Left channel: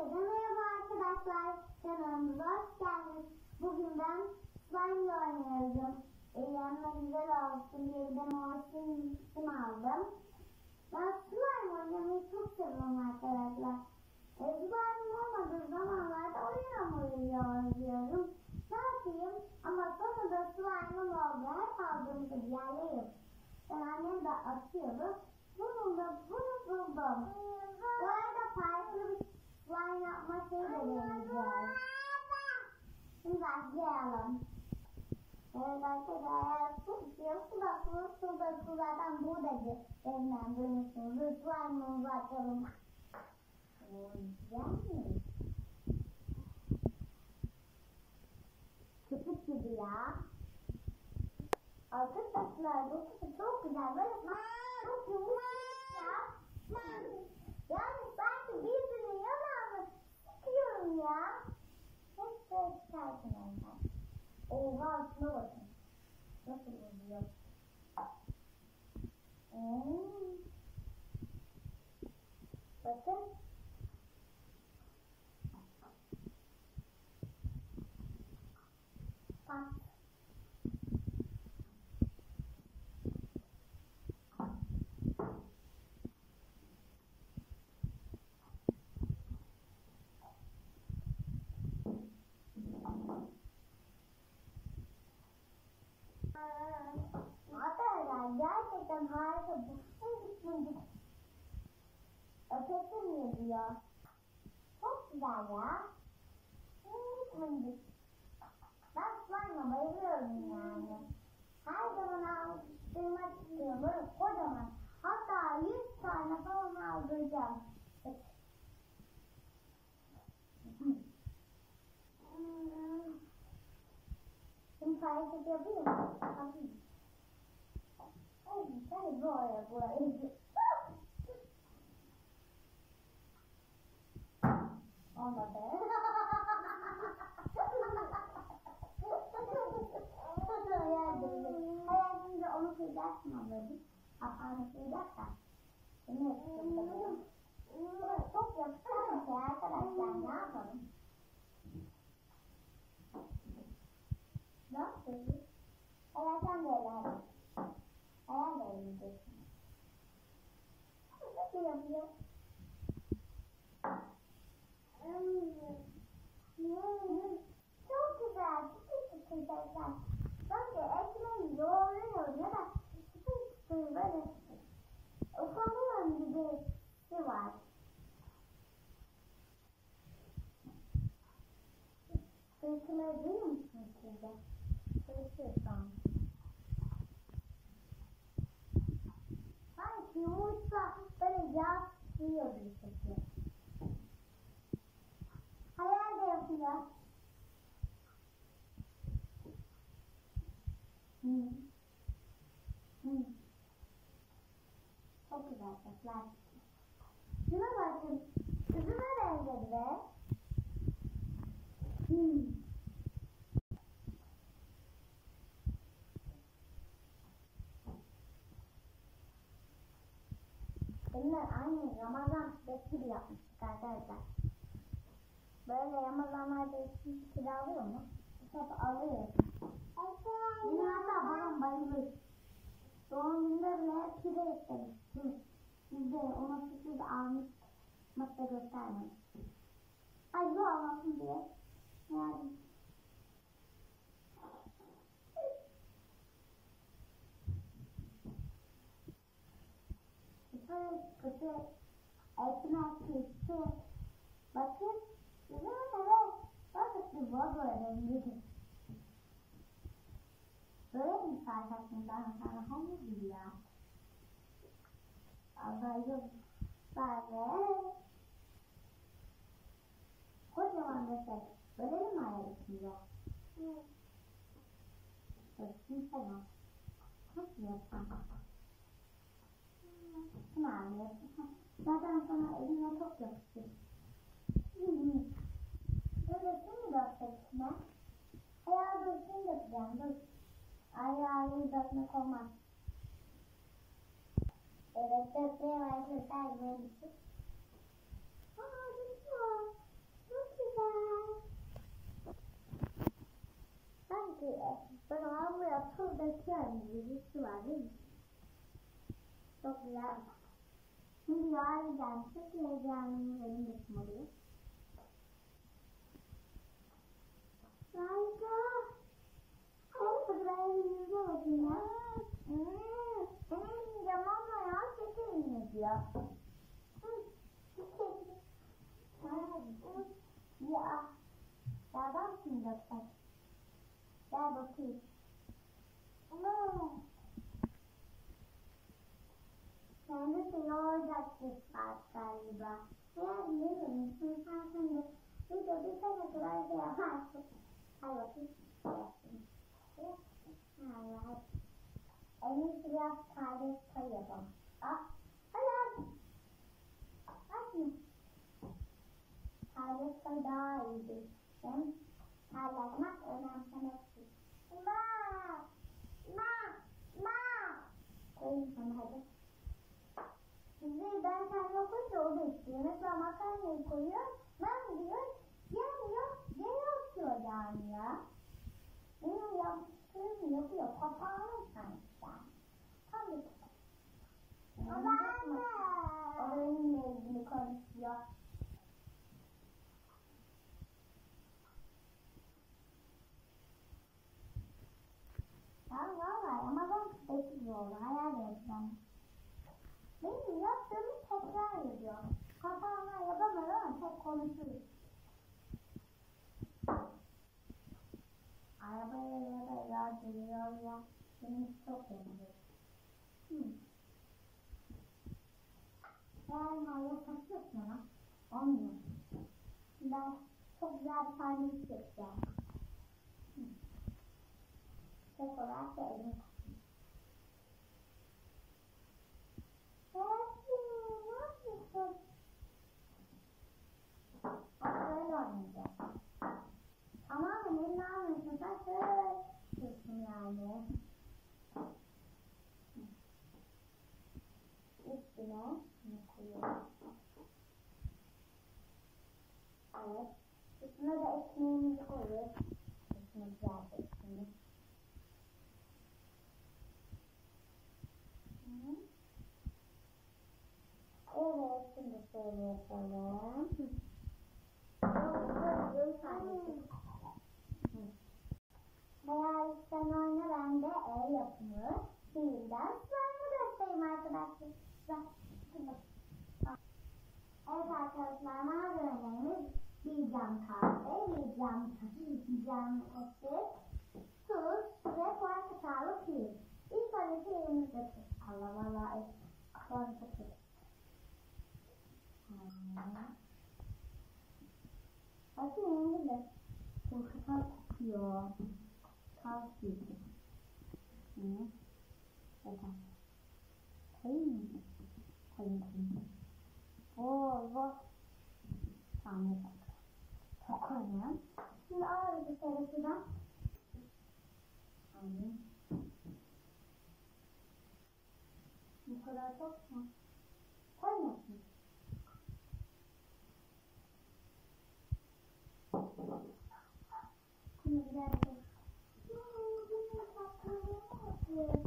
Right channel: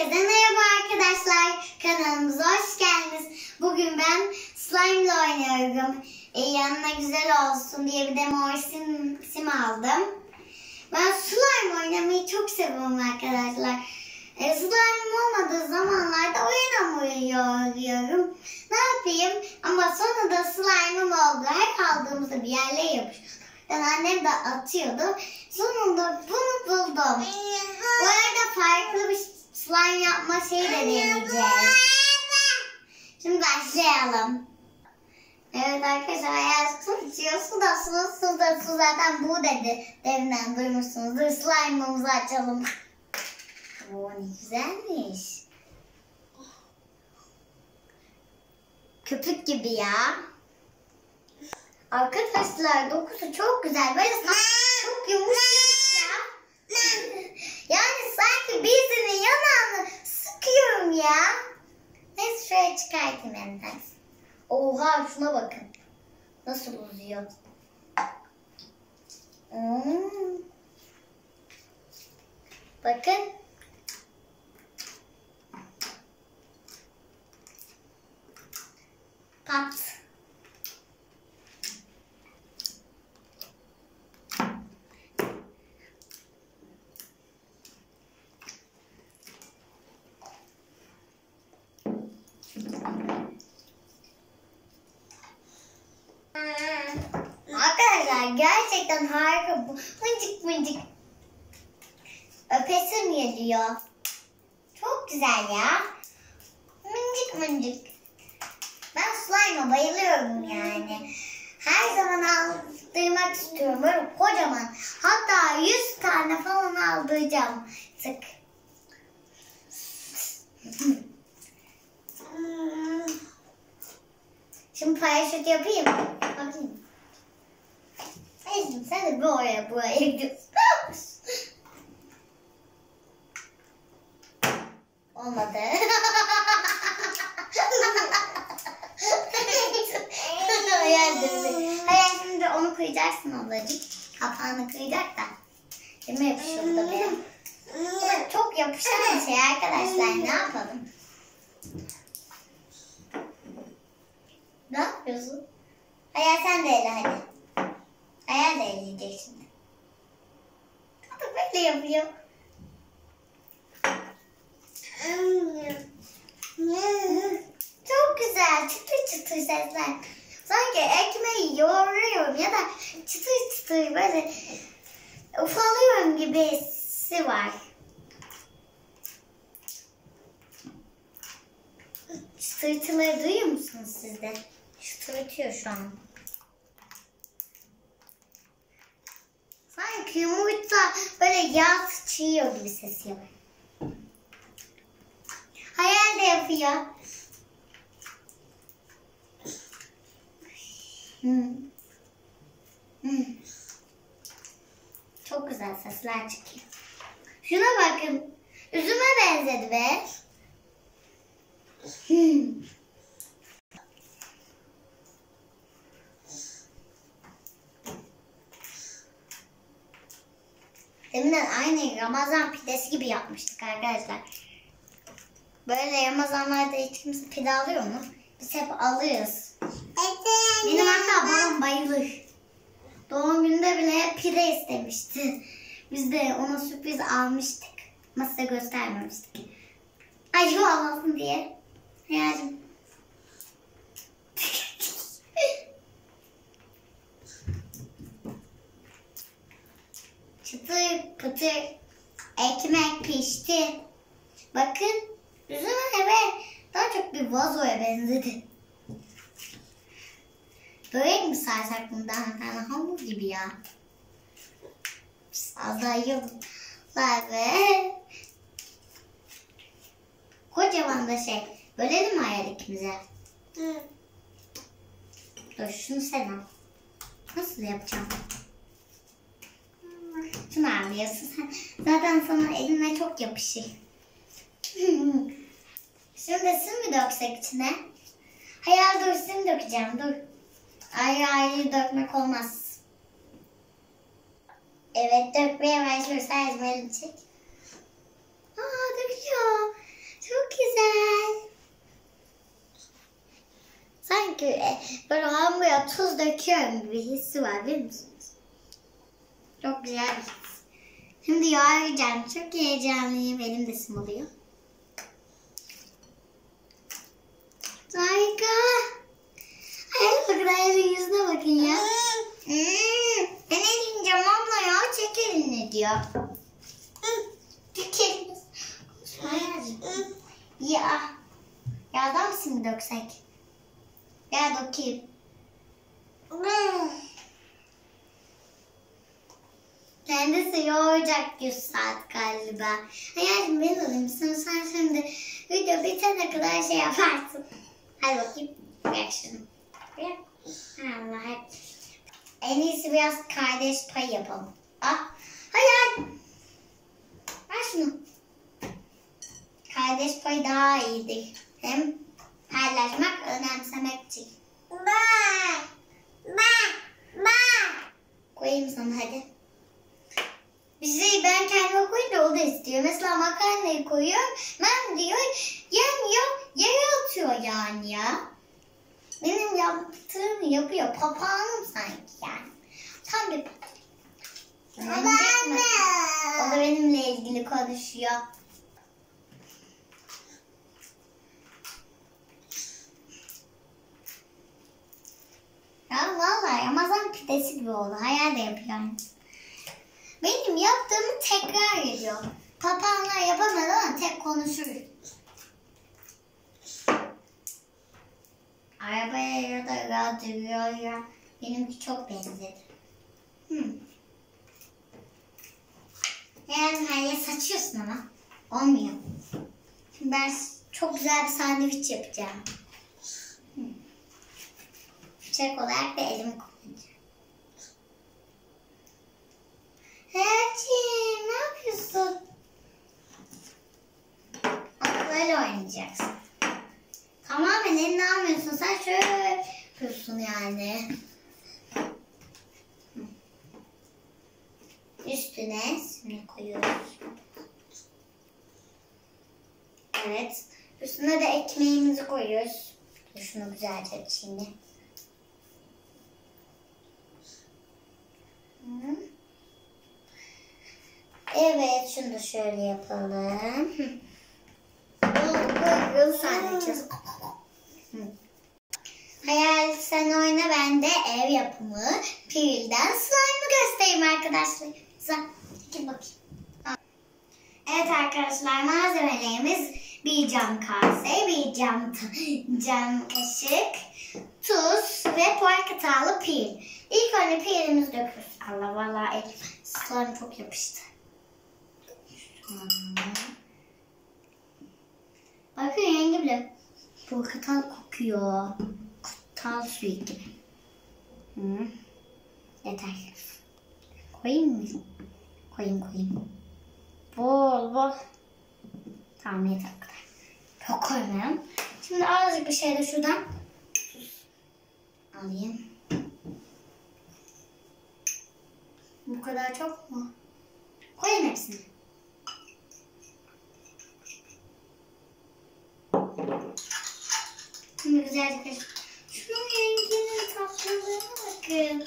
Herkese merhaba arkadaşlar. Kanalımıza hoş geldiniz. Bugün ben slime ile oynuyorum. Yanına güzel olsun diye bir de mor sim aldım. Ben slime oynamayı çok seviyorum arkadaşlar. Slime olmadığı zamanlarda oyun oynuyorum. Ne yapayım? Ama sonra da slime'ım oldu. Her aldığımızda bir yerlere yapışıyor. Yani annem de atıyordu. Sonunda bunu buldum. Bu arada farklı bir slime yapma şeyi de deneyeceğiz. Şimdi başlayalım. Evet arkadaşlar, eğer su içiyor, su zaten bu dedi. Deminden duymuşsunuzdur. Slime'ımızı açalım. Oo, ne güzelmiş. Köpük gibi ya. Arkadaşlar dokusu çok güzel. Böyle çok yumuşak ya. Yani sanki birisinin yanağını sıkıyorum ya. Neyse şöyle çıkartayım elinden. Oha, şuna bakın. Nasıl uzuyor. Bakın. Pat. Arkadaşlar gerçekten harika bu. Mıncık mıncık. Öpesim geliyor. Çok güzel ya. Mıncık mıncık. Ben slime'a bayılıyorum yani. Her zaman aldırmak istiyorum. Böyle kocaman. Hatta 100 tane falan aldıracağım. Sık. Şimdi paraşüt yapayım. Bakayım. Neyse, sen de buraya gidiyorsun. Olmadı. Hayır, şimdi onu kıyacaksın ablacık. Kapağını kıyacak da. Kime yapışıyor bu da benim. Çok yapışan bir şey arkadaşlar. Ne yapalım? Ne yapıyorsun? Hayal sen de ele hadi. Hayal de eleyecek şimdi. O da böyle yapıyor. Çok güzel. Çıtır çıtır sesler. Sanki ekmeği yoğuruyorum ya da çıtır çıtır böyle ufalıyorum gibi hissi var. Çıtırtıları duyuyor musunuz siz de? Çıtırtıyor şu an. Sanki yumurta böyle yağ sıçıyor gibi ses yapıyor. Hayal de yapıyor. Çok güzel sesler çıkıyor. Şuna bakın. Üzüme benzedi be. Deminden aynı Ramazan pidesi gibi yapmıştık arkadaşlar. Böyle Ramazanlarda hiç kimse pide alıyor mu? Biz hep alıyoruz. Benim hatta babam bayılır. Doğum gününde bile hep pide istemişti. Biz de ona sürpriz almıştık. Ama size göstermemiştik. Ay şu almasın diye. Hayalım. Çıtır pıtır ekmek pişti. Bakın üzüme ve daha çok bir vazoya benzedi. Böyle mi sarsak bundan? Yani hamur gibi ya. Az daha yiyorum. Ve kocaman da şey. Bölelim mi hayal ikimize? Dur şunu sen al. Nasıl yapacağım? Şunu alıyorsun sen. Zaten sana eline çok yapışır. Şimdi sim mi döksek içine? Hayal dur, sim dökeceğim dur. Ayrı ayrı dökmek olmaz. Evet, dökmeye başlıyoruz. Her zaman çek. Aa, döküyor. tuz döküyorum gibi hissi var, biliyor musunuz? Çok güzel bir his. Şimdi yoğuracağım. Çok heyecanlıyım. Elim de sımılıyor. Harika. Hayal bakın, hayalin yüzüne bakın ya. Ben eleyeceğim abla ya. Çek elini diyor. Çek elini. Ya. Yağdan mısın döksek? Ya dökeyim. Kendisi yoğuracak 100 saat galiba. Hayatım ben alayım. Sen şimdi video bitene kadar şey yaparsın. Hadi bakayım. Bırak şunu. Bırak. Allah hep. En iyisi biraz kardeş payı yapalım. Ah. Hayal. Ver şunu. Kardeş payı daha iyidir. Hem paylaşmak, önemsemek için. Koyayım sana hadi. Bir şey ben kendime koyunca o da istiyor. Mesela makarnayı koyuyorum. Ben diyor yemiyor, yere atıyor yani ya. Benim yaptığımı yapıyor. Papağanım sanki yani. Tam bir papağan. O da benimle ilgili konuşuyor. Ya vallahi Ramazan pidesi gibi oldu. Hayal de yapıyorum. Benim yaptığımı tekrar ediyor. Papağanlar yapamaz ama tek konuşur. Arabaya ya da radyoya benimki çok benzedi. Yani her saçıyorsun ama olmuyor. Şimdi ben çok güzel bir sandviç yapacağım. Bıçak olarak da elimi kullanacağım. Herkese, ne yapıyorsun? Böyle oynayacaksın. Tamamen elini almıyorsun. Sen şöyle yapıyorsun yani. Üstüne şimdi koyuyoruz. Evet. Üstüne de ekmeğimizi koyuyoruz. Şunu güzelce şimdi. Evet, şunu da şöyle yapalım. Koyun sandviçiz. Hayal sen oyna, ben de ev yapımı prilden slime'ı göstereyim arkadaşlar. Gel bakayım. Evet arkadaşlar, malzemelerimiz bir cam kase, bir cam kaşık, tuz ve portakallı pril. İlk önce prilimizi döküyoruz. Allah vallahi elim slime çok yapıştı. Bakın rengi bile portakal kokuyor. Portakal suyu gibi. Yeter. Koyayım mı? Koyayım. Bol. Tamam yeter o kadar. Çok koymayalım. Şimdi azıcık bir şey de şuradan alayım. Bu kadar çok mu? Koyayım hepsini. Şimdi güzelce karıştır. Şunun renginin tatlılığına bakın.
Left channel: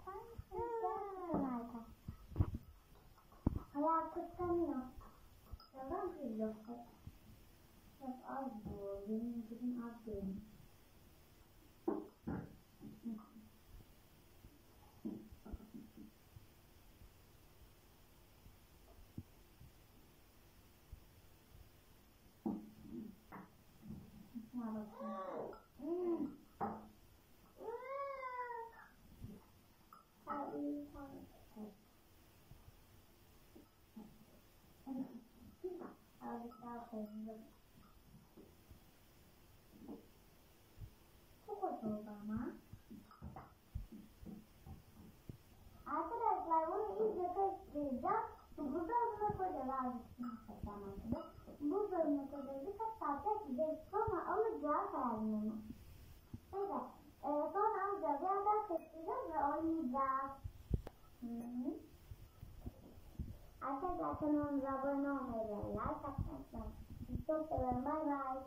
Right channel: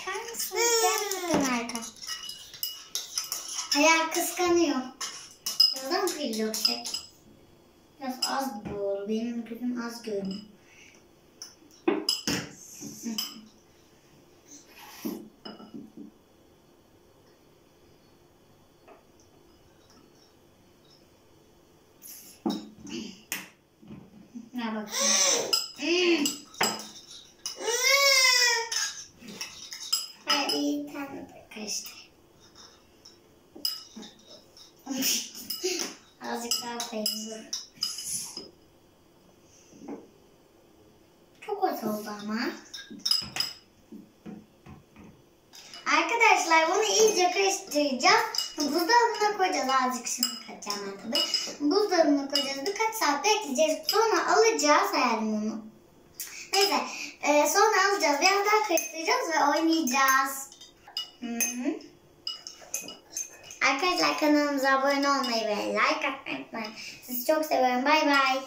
Bakar mısınız? Gerçekten harika. Hayal kıskanıyor. Birazdan pril dökecek. Biraz az bol. Benim gözüm az görünüyor. Ne bakayım. Hadi tam karıştır. Azıcık daha koyayım. Çok az oldu ama. Arkadaşlar bunu iyice karıştıracağız. Buzdolabına koyacağız. Azıcık şimdi katacağım ben tabii. Buzdolabına koyacağız. Birkaç saat bekleyeceğiz. Sonra alacağız hayalim onu. Neyse. Sonra alacağız. Biraz daha karıştıracağız ve oynayacağız. Arkadaşlar kanalımıza abone olmayı ve like atmayı unutmayın. Sizi çok seviyorum. Bay bay.